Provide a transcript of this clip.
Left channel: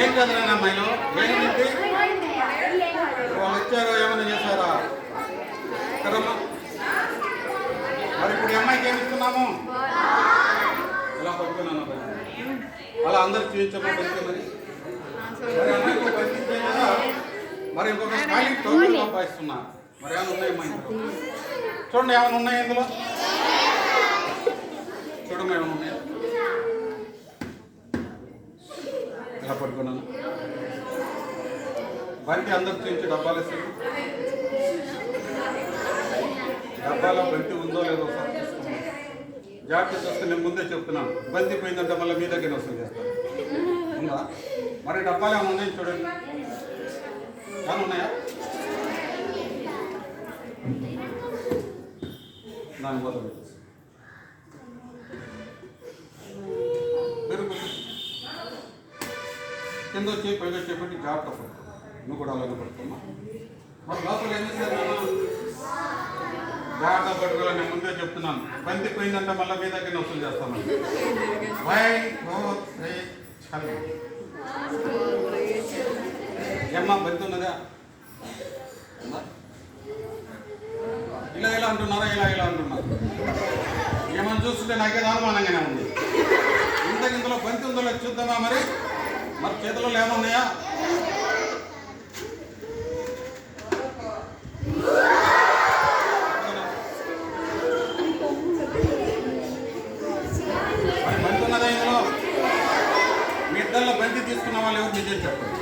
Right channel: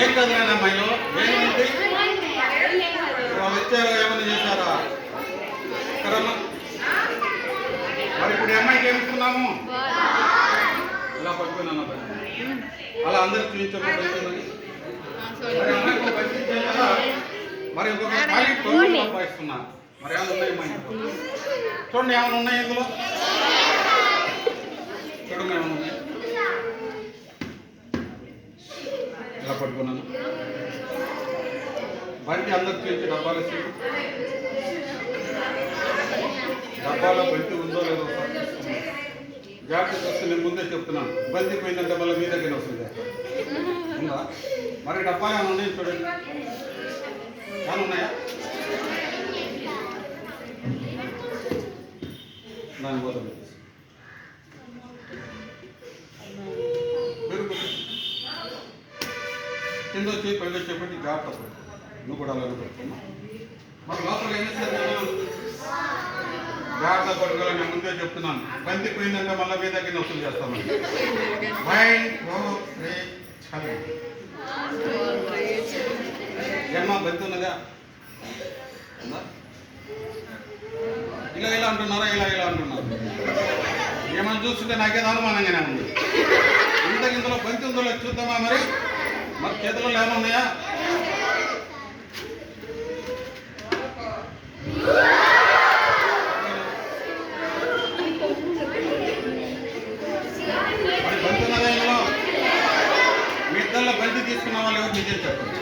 ఏం కదలేనా అమ్మాయిలో ఏమిటి వాళ్ళు వచ్చారో ఏమన్నా చేశారా కదమ్మా? మరి ఇప్పుడు అమ్మాయికి ఏమిస్తున్నాము? ఇలా పడుకున్నాను అలా అందరూ చూపించమని మరి అమ్మాయికి పంపించేలా మరి ఇంకొక ఖాళీ టోకెన్ సంపాదిస్తున్నా. మరి ఏమైనా ఉన్నాయమ్మా ఇంట్లో? చూడండి ఏమైనా ఉన్నాయి ఇందులో? చూడమ్మా ఏమైనా ఉన్నాయి? ఇలా పట్టుకున్నాను. బంతి అందరు చూపించి డబ్బాలు వేసి డబ్బాలో బంతి ఉందో లేదో ఒకసారి తీసుకున్నాను. జాగ్రత్త వస్తే నేను ముందే చెప్తున్నాను. బంతి పోయిందంటే మళ్ళీ మీ దగ్గర వస్తుంది చేస్తాను. ఉందా? మరి డబ్బాలు ఏమైనా ఉన్నాయి చూడండి. ఏమైనా ఉన్నాయా? దాని పోతా పెట్టేసి మీరు కింద వచ్చి పైకి వచ్చేప్పటి జాగ్రత్త పడుకో. నువ్వు కూడా అలాగే పడుకోమ్మా. మరి లోపల ఏం చేస్తారు? నేను జాగ్రత్త పట్టుకోవాలి. నేను ముందే చెప్తున్నాను. బంతి పోయిందంటే మళ్ళీ మీ దగ్గర వసూలు చేస్తాను. 1 2 3 చదువు ఏమ్మా బంతి ఉన్నదా? ఇలా ఇలా అంటున్నారా? ఇలా ఇలా అంటున్నారు. ఏమని చూస్తుంటే నాకేదో అనుమానంగానే ఉంది. ఇంతలో బంతి ఉందో లేదు చూద్దామా? మరి మరి చేతిలో ఏమైనా ఉన్నాయా? మరి బంతి ఉన్నదా ఇందులో? మీ ఇద్దరిలో బంతి తీసుకున్న వాళ్ళు ఎవరు నిజం చెప్పండి.